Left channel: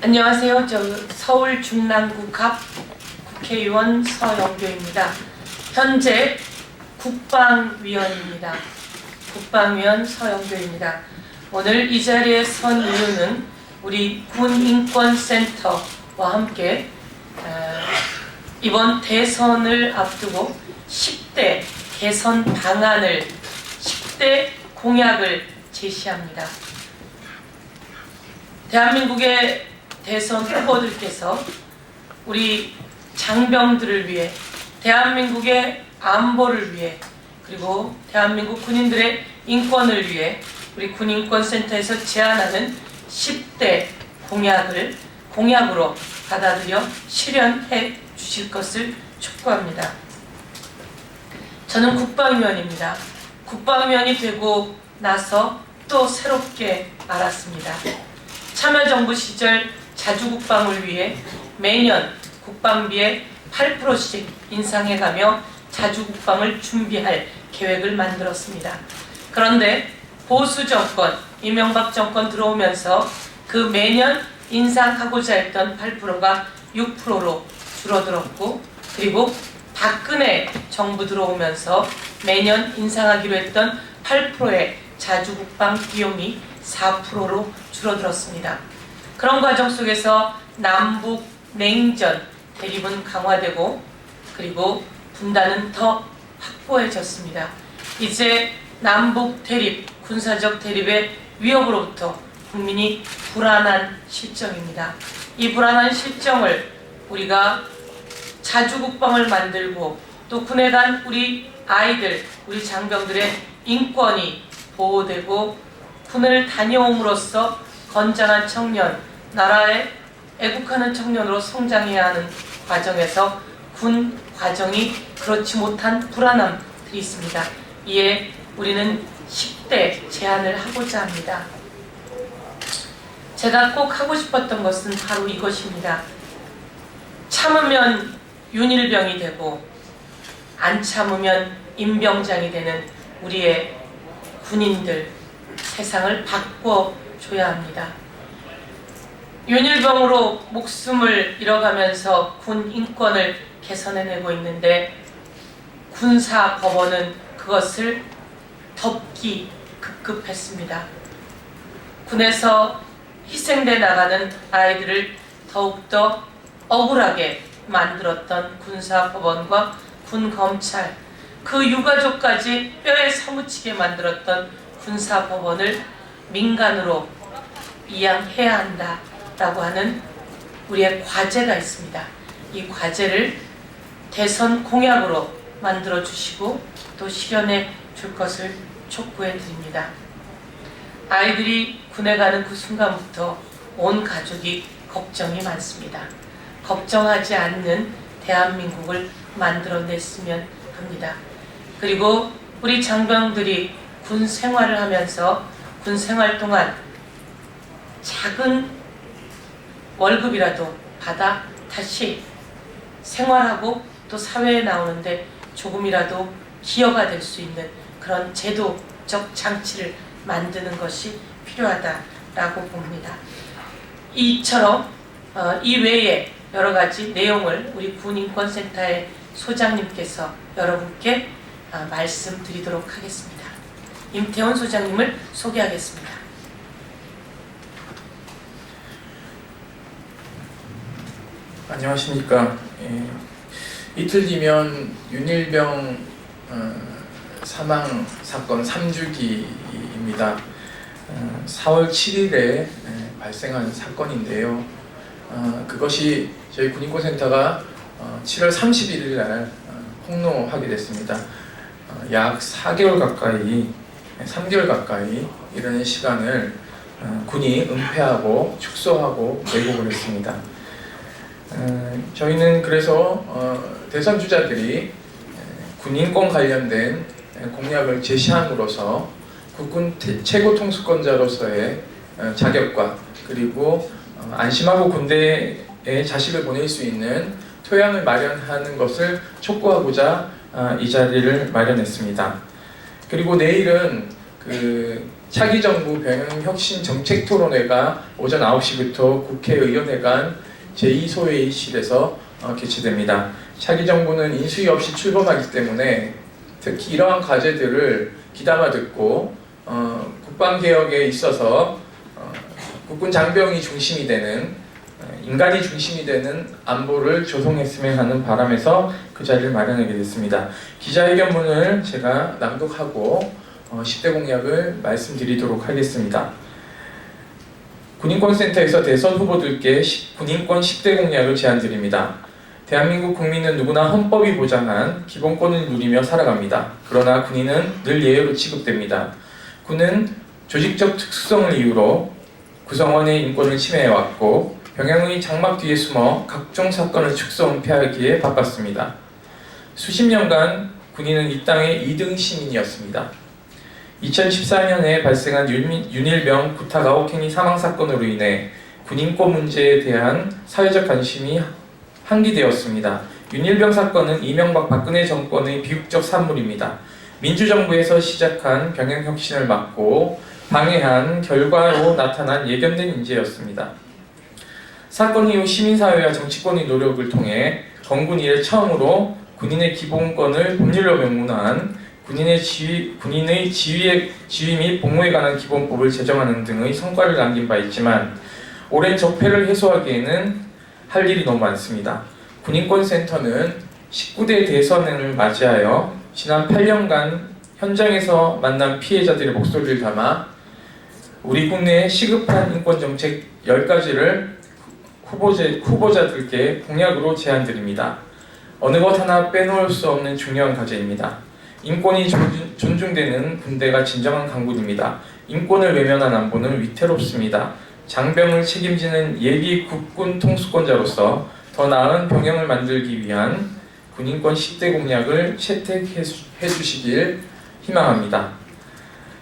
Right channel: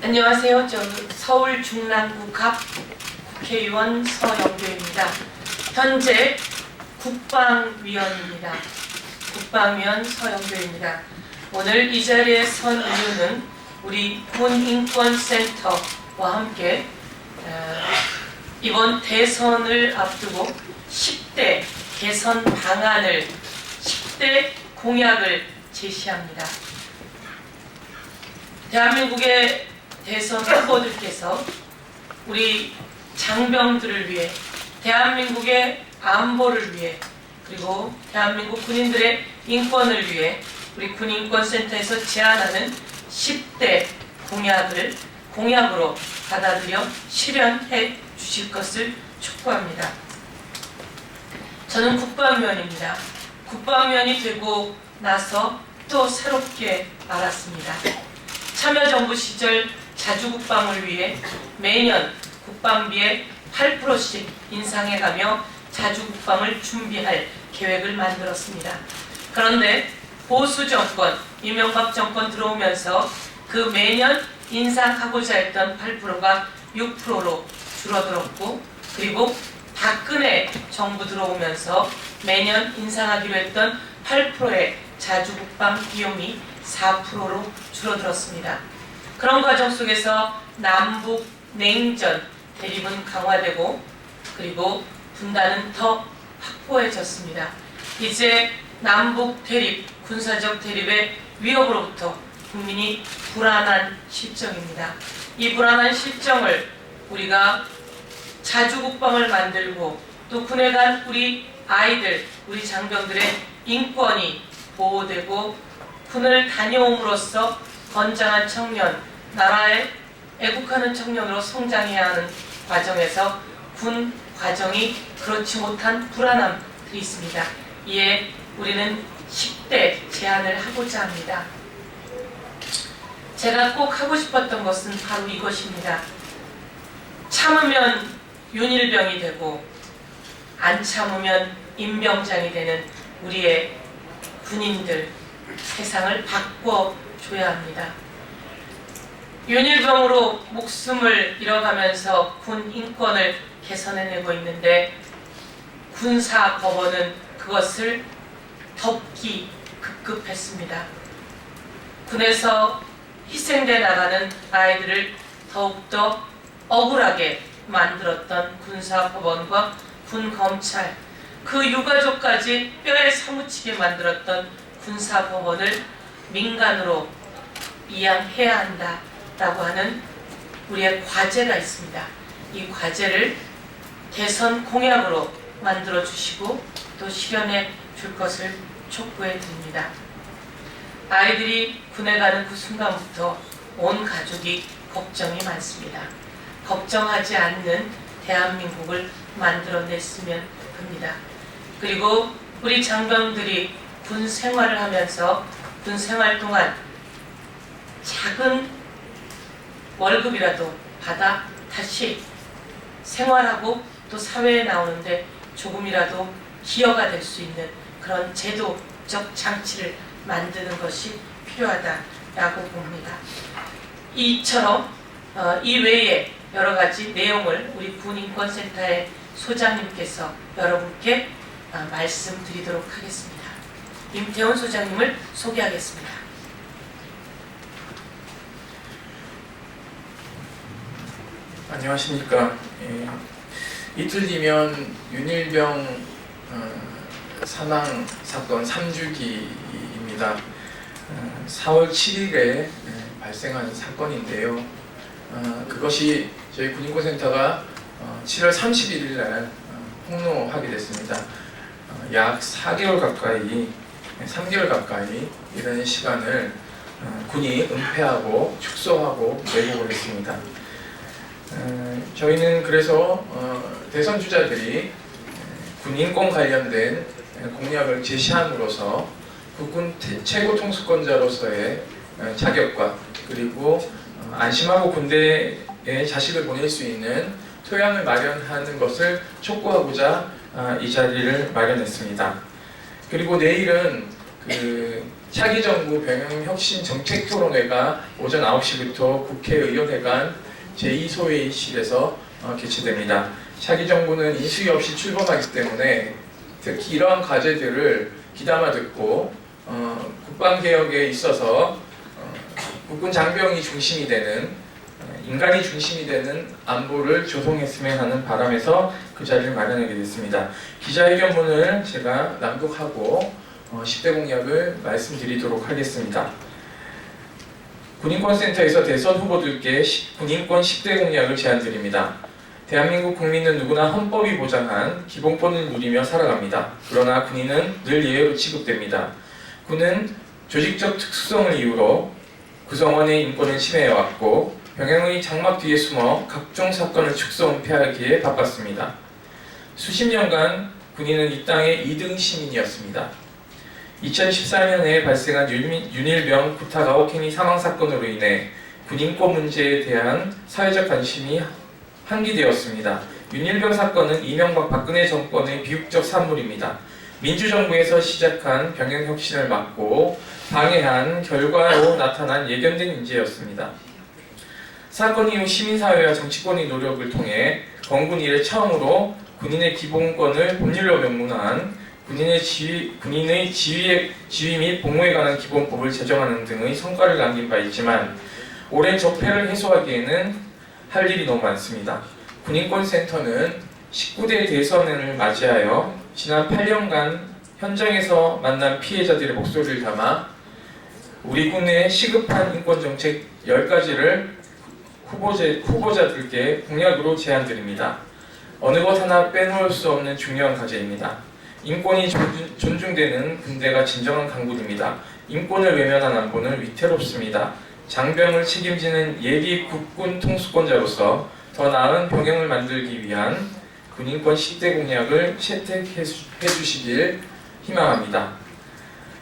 안녕하세요. 저 서울 중랑구 갑 국회의원 서영교입니다. 현재 국방위원입니다. 국방위원 서영교입니다. 오늘 이 자리에 선 이유는 우리 군인권센터와 함께 이번 대선을 앞두고 10대 개선 방안을 10대 공약을 제시합니다. 대한민국의 대선 후보들께서 우리 장병들을 위해, 대한민국의 안보를 위해, 그리고 대한민국 군인들의 인권을 위해 우리 군인권센터에서 제안하는 10대 공약을 공약으로 받아들여 실현해 주실 것을 촉구합니다. 저는 국방위원입니다. 국방위원이 되고 나서 또 새롭게 알았습니다. 참여정부 시절 자주국방을 위해 매년 국방비의 8%씩 인상해가며 자주국방을 준비할 계획을 만들었습니다. 그런데 보수 정권, 이명박 정권 들어오면서 그 매년 인상하고자 했던 8%가 6%로 줄어들었고, 그리고 박근혜 정부 들어오면서 매년 인상하기로 했던 8%의 자주국방 비용이 4%로 줄어들었습니다. 그런 과정 속에서 남북 냉전 대립은 강화되고, 그리고 분단은 더 확고해졌습니다. 이제 남북 대립, 군사적 대립의 위협으로부터 국민이 불안한 실정입니다. 이 불안한 실정을 우리가 자주국방을 만들고, 또 군에 간 우리 아이들, 우리 장병들의 인권이 보호되고 군을 다녀옴으로써 건장한 청년, 나라에 애국하는 청년으로 성장해야 하는 과정에서 군 과정이 그렇지 못한 불안함들이 있습니다. 이에 우리는 10대 제안을 하고자 합니다. 제가 꼭 하고 싶었던 것은 바로 이것입니다. 참으면 윤일병이 되고 안 참으면 임병장이 되는 우리의 군인들, 세상을 바꿔줘야 합니다. 윤일병으로 목숨을 잃어가면서 군 인권을 개선해내고 있는데, 군사법원은 그것을 덮기 급급했습니다. 군에서 희생돼 나가는 아이들을 더욱더 억울하게 만들었던 군사법원과 군검찰, 그 유가족까지 뼈에 사무치게 만들었던 군사법원을 민간으로 이양해야 한다라고 하는 우리의 과제가 있습니다. 이 과제를 대선 공약으로 만들어 주시고 또 실현해 줄 것을 촉구해 드립니다. 아이들이 군에 가는 그 순간부터 온 가족이 걱정이 많습니다. 걱정하지 않는 대한민국을 만들어냈으면 합니다. 그리고 우리 장병들이 군 생활을 하면서 군 생활 동안 작은 월급이라도 받아 다시 생활하고 또 사회에 나오는데 조금이라도 기여가 될 수 있는 그런 제도적 장치를 만드는 것이 필요하다라고 봅니다. 이처럼 이 외에 여러 가지 내용을 우리 군인권센터의 소장님께서 여러분께 말씀드리도록 하겠습니다. 임태원 소장님을 소개하겠습니다. 안녕하십니까. 이틀 뒤면 윤일병 사망 사건 3주기입니다. 4월 7일에 발생한 사건인데요. 그것이 저희 군인권센터가 7월 31일 날 폭로하게 됐습니다. 약 4개월 가까이, 3개월 가까이 이런 시간을 군이 은폐하고 축소하고 왜곡을 했습니다. 저희는 그래서 대선 주자들이 군인권 관련된 공약을 제시함으로써 국군 최고 통수권자로서의 자격과, 그리고 안심하고 군대에 자식을 보낼 수 있는 토양을 마련하는 것을 촉구하고자 이 자리를 마련했습니다. 그리고 내일은 차기 정부 병역혁신 정책토론회가 오전 9시부터 국회의원회관 제2소회의실에서 개최됩니다. 차기 정부는 인수위 없이 출범하기 때문에 특히 이러한 과제들을 귀담아 듣고 국방개혁에 있어서 국군 장병이 중심이 되는 인간이 중심이 되는 안보를 조성했으면 하는 바람에서 그 자리를 마련하게 됐습니다. 기자회견문을 제가 낭독하고 10대 공약을 말씀드리도록 하겠습니다. 군인권센터에서 대선 후보들께 군인권 10대 공약을 제안드립니다. 대한민국 국민은 누구나 헌법이 보장한 기본권을 누리며 살아갑니다. 그러나 군인은 늘 예외로 취급됩니다. 군은 조직적 특수성을 이유로 구성원의 인권을 침해해왔고 병영의 장막 뒤에 숨어 각종 사건을 축소 은폐하기에 바빴습니다. 수십 년간 군인은 이 땅의 2등 시민이었습니다. 2014년에 발생한 윤일병 구타 가혹행위 사망사건으로 인해 군인권 문제에 대한 사회적 관심이 환기되었습니다. 윤일병 사건은 이명박 박근혜 정권의 비극적 산물입니다. 민주정부에서 시작한 병역혁신을 막고 방해한 결과로 나타난 예견된 인재였습니다. 사건 이후 시민사회와 정치권의 노력을 통해 건군 이래 처음으로 군인의 기본권을 법률로 명문화한 군인의 지위 및 복무에 관한 기본법을 제정하는 등의 성과를 남긴 바 있지만 오랜 적폐를 해소하기에는 할 일이 너무 많습니다. 군인권센터는 19대 대선을 맞이하여 지난 8년간 현장에서 만난 피해자들의 목소리를 담아 우리 국내의 시급한 인권정책 10가지를 후보자들께 공약으로 제안드립니다. 어느 것 하나 빼놓을 수 없는 중요한 과제입니다. 인권이 존중되는 군대가 진정한 강군입니다. 인권을 외면한 안보는 위태롭습니다. 장병을 책임지는 예비 국군 통수권자로서 더 나은 병영을 만들기 위한 군인권 10대 공약을 채택해 주시길 희망합니다.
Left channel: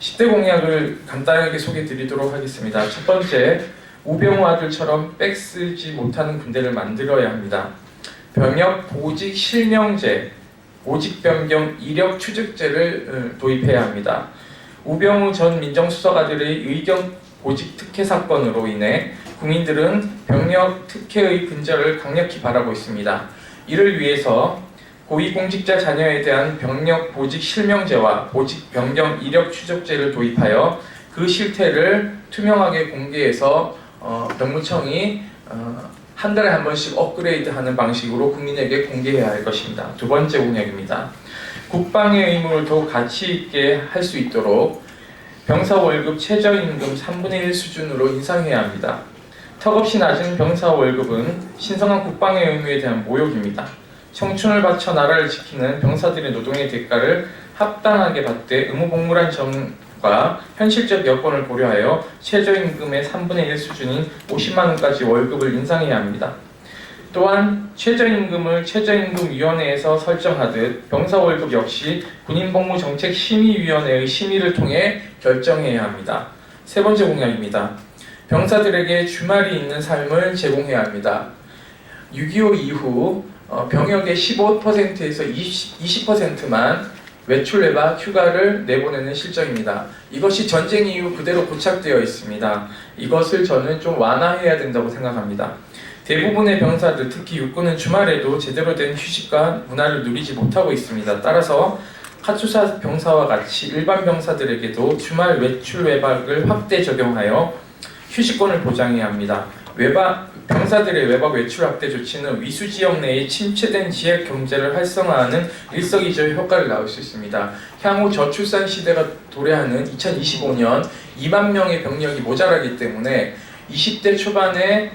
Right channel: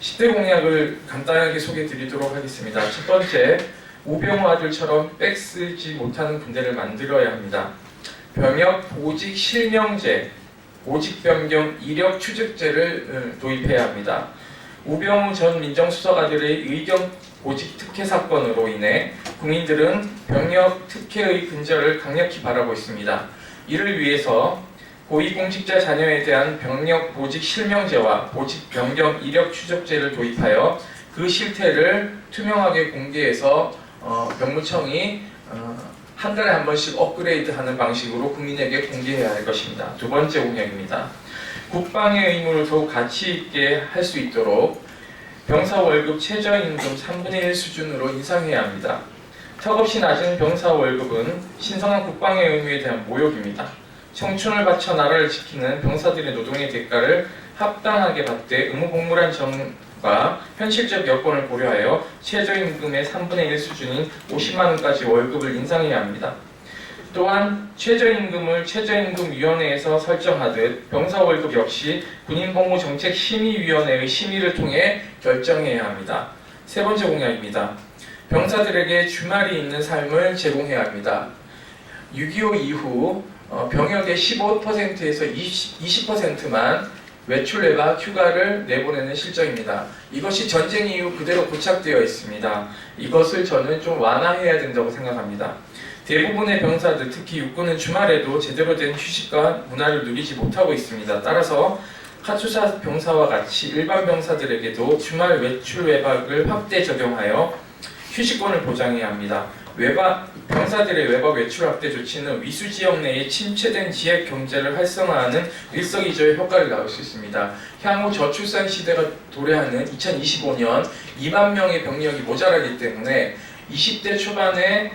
10대 공약을 간단하게 소개해 드리도록 하겠습니다. 첫 번째, 우병우 아들처럼 백 쓰지 못하는 군대를 만들어야 합니다. 병역 보직 실명제, 보직 변경 이력 추적제를 도입해야 합니다. 우병우 전 민정수석 아들의 의경 보직 특혜 사건으로 인해 국민들은 병역 특혜의 근절을 강력히 바라고 있습니다. 이를 위해서 고위공직자 자녀에 대한 병역 보직 실명제와 보직 변경 이력 추적제를 도입하여 그 실태를 투명하게 공개해서 병무청이 한 달에 한 번씩 업그레이드하는 방식으로 국민에게 공개해야 할 것입니다. 두 번째 공약입니다. 국방의 의무를 더욱 가치 있게 할 수 있도록 병사 월급 최저임금 3분의 1 수준으로 인상해야 합니다. 턱없이 낮은 병사 월급은 신성한 국방의 의무에 대한 모욕입니다. 청춘을 바쳐 나라를 지키는 병사들의 노동의 대가를 합당하게 받되 의무복무란 점과 현실적 여건을 고려하여 최저임금의 3분의 1 수준인 50만 원까지 월급을 인상해야 합니다. 또한 최저임금을 최저임금위원회에서 설정하듯 병사 월급 역시 군인복무정책심의위원회의 심의를 통해 결정해야 합니다. 세 번째 공약입니다. 병사들에게 주말이 있는 삶을 제공해야 합니다. 6.25 이후 병역의 15%에서 20%만 외출 외박 휴가를 내보내는 실정입니다. 이것이 전쟁 이후 그대로 고착되어 있습니다. 이것을 저는 좀 완화해야 된다고 생각합니다. 대부분의 병사들, 특히 육군은 주말에도 제대로 된 휴식과 문화를 누리지 못하고 있습니다. 따라서 카투사 병사와 같이 일반 병사들에게도 주말 외출 외박을 확대 적용하여 휴식권을 보장해야 합니다. 병사들의 외박 외출 확대 조치는 위수 지역 내에 침체된 지역 경제를 활성화하는 일석이조의 효과를 낳을 수 있습니다. 향후 저출산 시대가 도래하는 2025년 2만 명의 병력이 모자라기 때문에 20대 초반에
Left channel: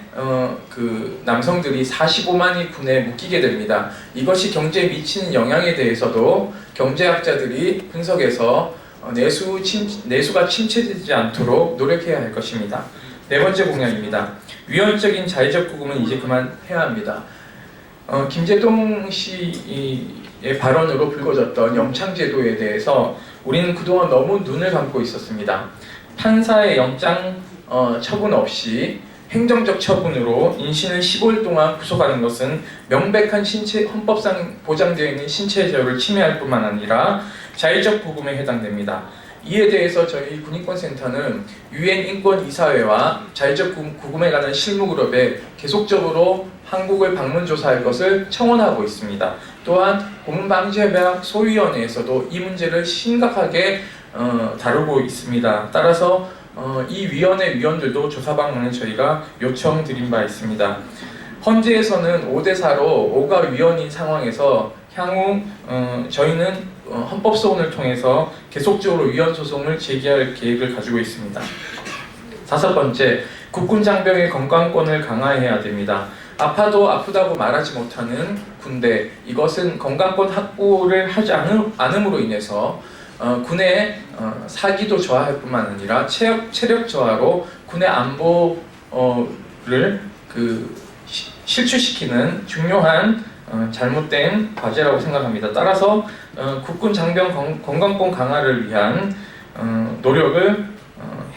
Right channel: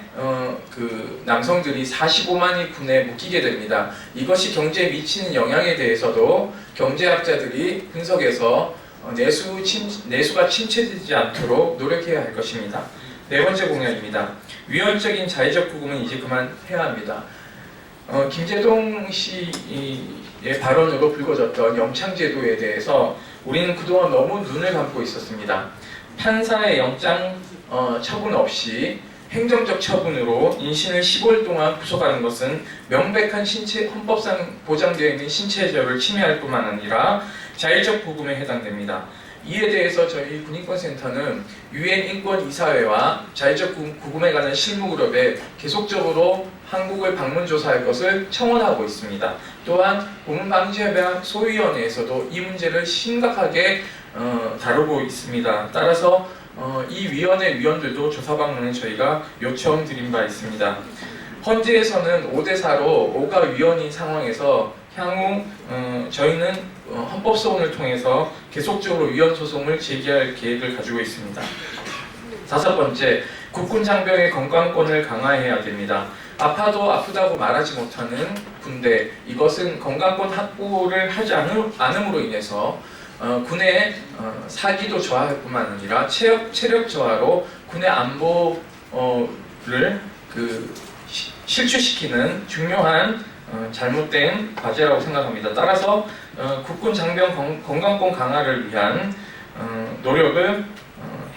남성들이 45만이 군에 묶이게 됩니다. 이것이 경제에 미치는 영향에 대해서도 경제학자들이 분석해서 내수가 침체되지 않도록 노력해야 할 것입니다. 네 번째 공약입니다. 위헌적인 자의적 구금은 이제 그만해야 합니다. 김재동 씨의 발언으로 불거졌던 영창제도에 대해서 우리는 그동안 너무 눈을 감고 있었습니다. 판사의 영장 처분 없이 행정적 처분으로 인신을 15일 동안 구속하는 것은 명백한 헌법상 보장되어 있는 신체의 자유를 침해할 뿐만 아니라 자의적 구금에 해당됩니다. 이에 대해서 저희 군인권센터는 유엔 인권이사회와 자의적 구금에 관한 실무 그룹에 계속적으로 한국을 방문 조사할 것을 청원하고 있습니다. 또한 고문방지협약 소위원회에서도 이 문제를 심각하게 다루고 있습니다. 따라서 이 위원회 위원들도 조사 방문을 저희가 요청드린 바 있습니다. 헌재에서는 5대4로 5가 위원인 상황에서 향후 저희는 헌법소원을 통해서 계속적으로 위헌 소송을 제기할 계획을 가지고 있습니다. 5번째, 국군 장병의 건강권을 강화해야 됩니다. 아파도 아프다고 말하지 못하는 군대, 이것은 건강권 확보를 하지 않음으로 인해서 군의 사기도 저하할 뿐만 아니라 체력 저하로 군의 안보를 실추시키는 중요한 잘못된 과제라고 생각합니다. 따라서 국군 장병 건강권 강화를 위한 노력을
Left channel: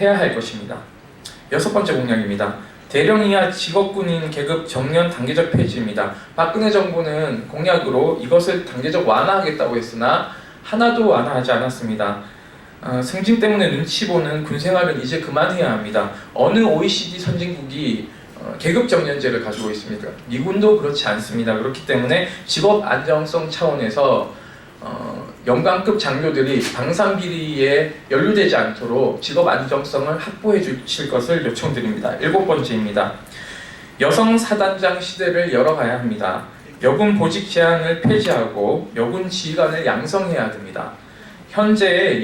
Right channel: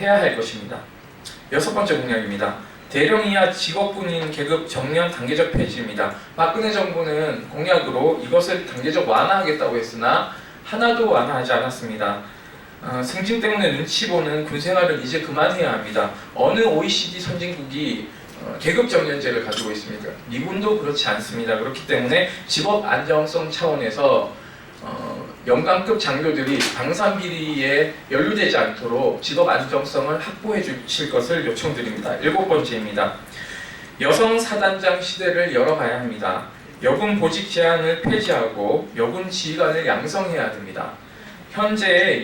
해야 할 것입니다. 6번째 공약입니다. 대령 이하 직업군인 계급 정년 단계적 폐지입니다. 박근혜 정부는 공약으로 이것을 단계적 완화하겠다고 했으나 하나도 완화하지 않았습니다. 승진 때문에 눈치 보는 군 생활은 이제 그만해야 합니다. 어느 OECD 선진국이 계급 정년제를 가지고 있습니다. 미군도 그렇지 않습니다. 그렇기 때문에 직업 안정성 차원에서 연관급 장교들이 방산 비리에 연루되지 않도록 직업 안정성을 확보해 주실 것을 요청드립니다. 7번째입니다. 여성 사단장 시대를 열어가야 합니다. 여군 보직 제한을 폐지하고 여군 지휘관을 양성해야 됩니다. 현재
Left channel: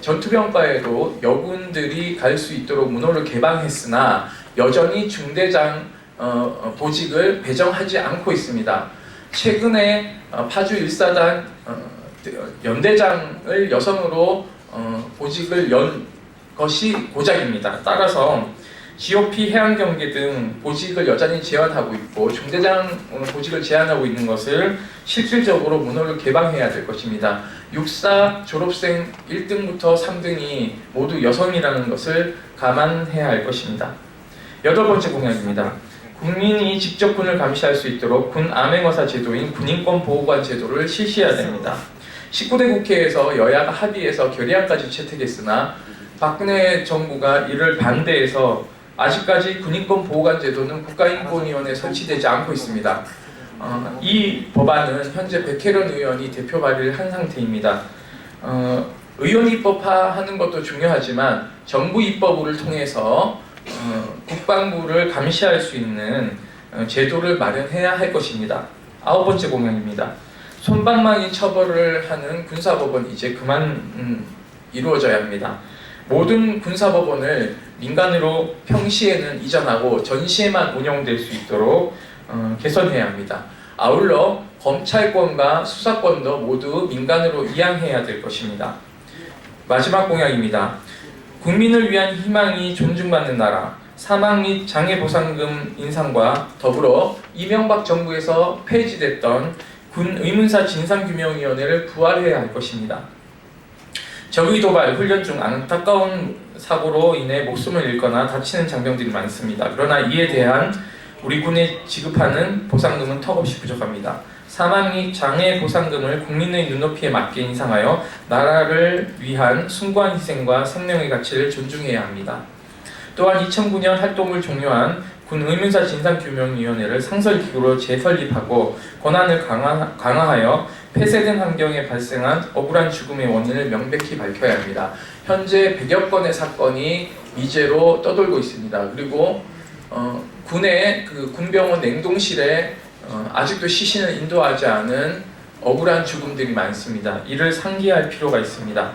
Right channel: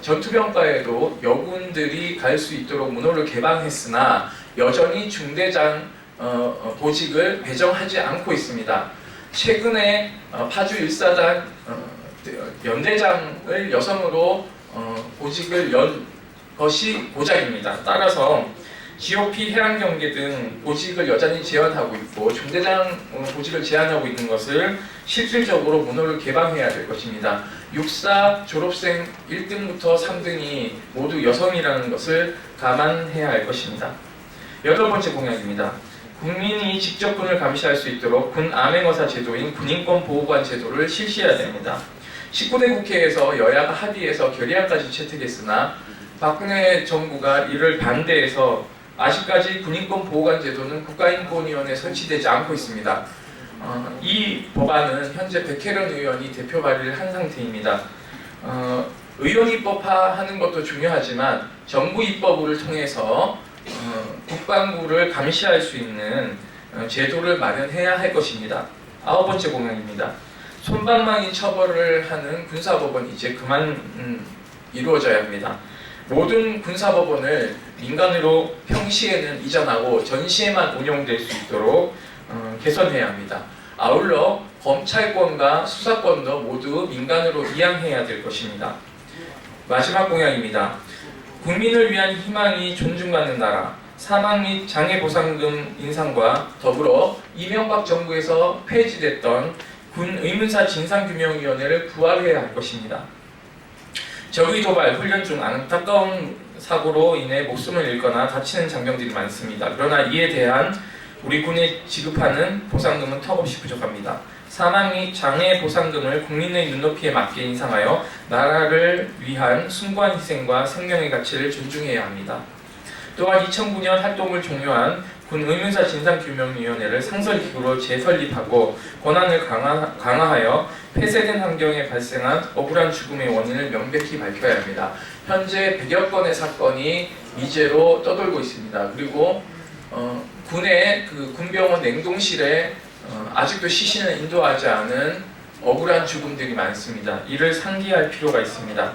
전투병과에도 여군들이 갈 수 있도록 문호를 개방했으나 여전히 중대장 보직을 배정하지 않고 있습니다. 최근에 파주 1사단 연대장을 여성으로 보직을 연 것이 고작입니다. 따라서 GOP 해양경계 등 보직을 여전히 제한하고 있고 중대장 보직을 제한하고 있는 것을 실질적으로 문호를 개방해야 될 것입니다. 육사 졸업생 1등부터 3등이 모두 여성이라는 것을 감안해야 할 것입니다. 8번째 공약입니다. 국민이 직접 군을 감시할 수 있도록 군 암행어사 제도인 군인권 보호관 제도를 실시해야 됩니다. 19대 국회에서 여야가 합의해서 결의안까지 채택했으나 박근혜 정부가 이를 반대해서 아직까지 군인권 보호관 제도는 국가인권위원회에 설치되지 않고 있습니다. 이 법안은 현재 백혜련 의원이 대표 발의를 한 상태입니다. 의원 입법화하는 것도 중요하지만 정부 입법을 통해서 국방부를 감시할 수 있는 제도를 마련해야 할 것입니다. 9번째 공약입니다. 솜방망이 처벌을 하는 군사법원 이제 그만 이루어져야 합니다. 모든 군사법원을 민간으로 평시에는 이전하고 전시에만 운영될 수 있도록 개선해야 합니다. 아울러 검찰권과 수사권도 모두 민간으로 이양해야 될 것입니다. 마지막 공약입니다. 국민을 위한 희망이 존중받는 나라, 사망 및 장애보상금 인상과 더불어 이명박 정부에서 폐지됐던 군 의문사 진상규명위원회를 부활해야 할 것입니다. 적의 도발 훈련 중 안타까운 사고로 인해 목숨을 잃거나 다치는 장병들이 많습니다. 그러나 이에 대한 우리 군에 지급하는 보상금은 턱없이 부족합니다. 사망 및 장애 보상금을 국민의 눈높이에 맞게 인상하여 나라를 위한 숭고한 희생과 생명의 가치를 존중해야 합니다. 또한 2009년 활동을 종료한 군 의문사 진상규명위원회를 상설기구로 재설립하고 권한을 강화하여 폐쇄된 환경에 발생한 억울한 죽음의 원인을 명백히 밝혀야 합니다. 현재 100여 건의 사건이 미제로 떠돌고 있습니다. 그리고 군의 군병원 냉동실에 아직도 시신을 인도하지 않은 억울한 죽음들이 많습니다. 이를 상기할 필요가 있습니다.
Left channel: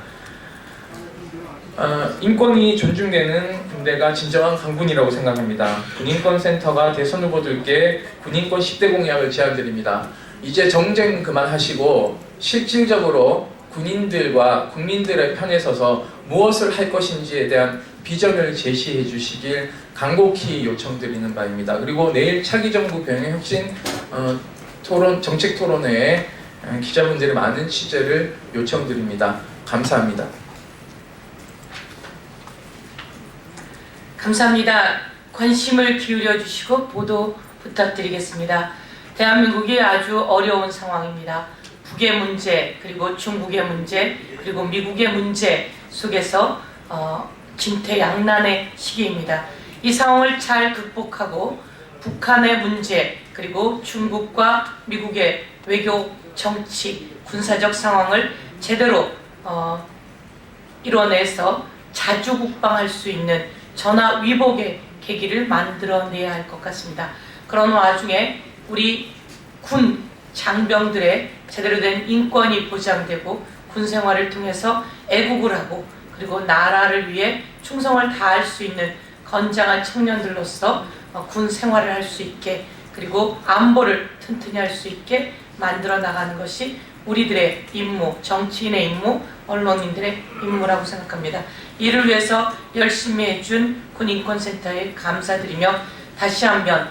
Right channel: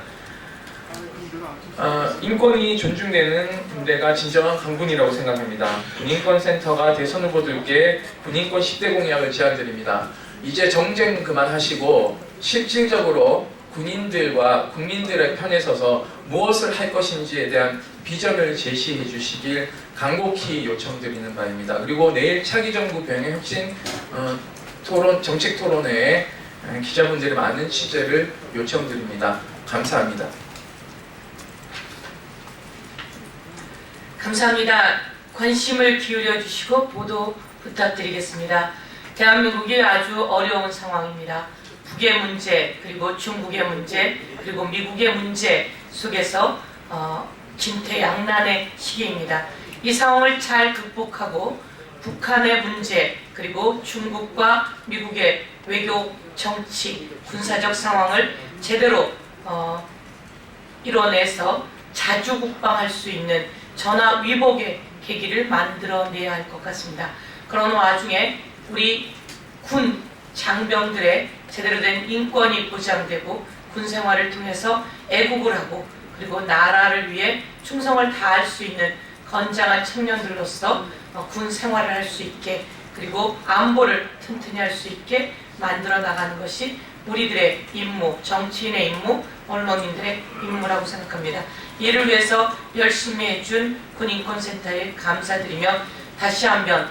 인권이 존중되는 군대가 진정한 강군이라고 생각합니다. 군인권센터가 대선 후보들께 군인권 10대 공약을 제안드립니다. 이제 정쟁 그만하시고 실질적으로 군인들과 국민들의 편에 서서 무엇을 할 것인지에 대한 비전을 제시해 주시길 간곡히 요청드리는 바입니다. 그리고 내일 차기 정부 병행 혁신 정책 토론회에 기자분들의 많은 취재를 요청드립니다. 감사합니다. 감사합니다. 관심을 기울여 주시고 보도 부탁드리겠습니다. 대한민국이 아주 어려운 상황입니다. 북의 문제, 그리고 중국의 문제, 그리고 미국의 문제, 속에서 진퇴양난의 시기입니다. 이 상황을 잘 극복하고 북한의 문제 그리고 중국과 미국의 외교, 정치, 군사적 상황을 제대로 이뤄내서 자주국방할 수 있는 전화위복의 계기를 만들어내야 할 것 같습니다. 그런 와중에 우리 군 장병들의 제대로 된 인권이 보장되고 군 생활을 통해서 애국을 하고 그리고 나라를 위해 충성을 다할 수 있는 건장한 청년들로서 군 생활을 할 수 있게 그리고 안보를 튼튼히 할 수 있게 만들어 나가는 것이 우리들의 임무, 정치인의 임무, 언론인들의 임무라고 생각합니다. 이를 위해서 열심히 해준 군인권센터에 감사드리며 다시 한번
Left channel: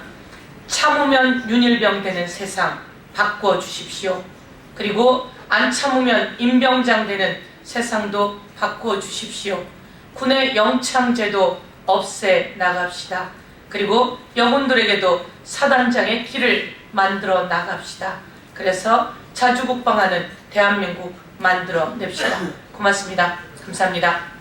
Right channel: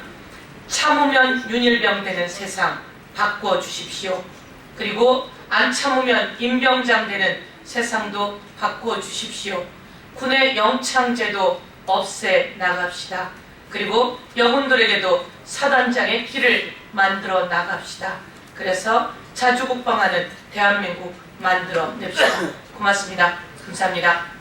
참으면 윤일병 되는 세상 바꿔 주십시오. 그리고 안 참으면 임병장 되는 세상도 바꿔 주십시오. 군의 영창제도 없애 나갑시다. 그리고 여군들에게도 사단장의 길을 만들어 나갑시다. 그래서 자주국방하는 대한민국 만들어 냅시다. 고맙습니다. 감사합니다.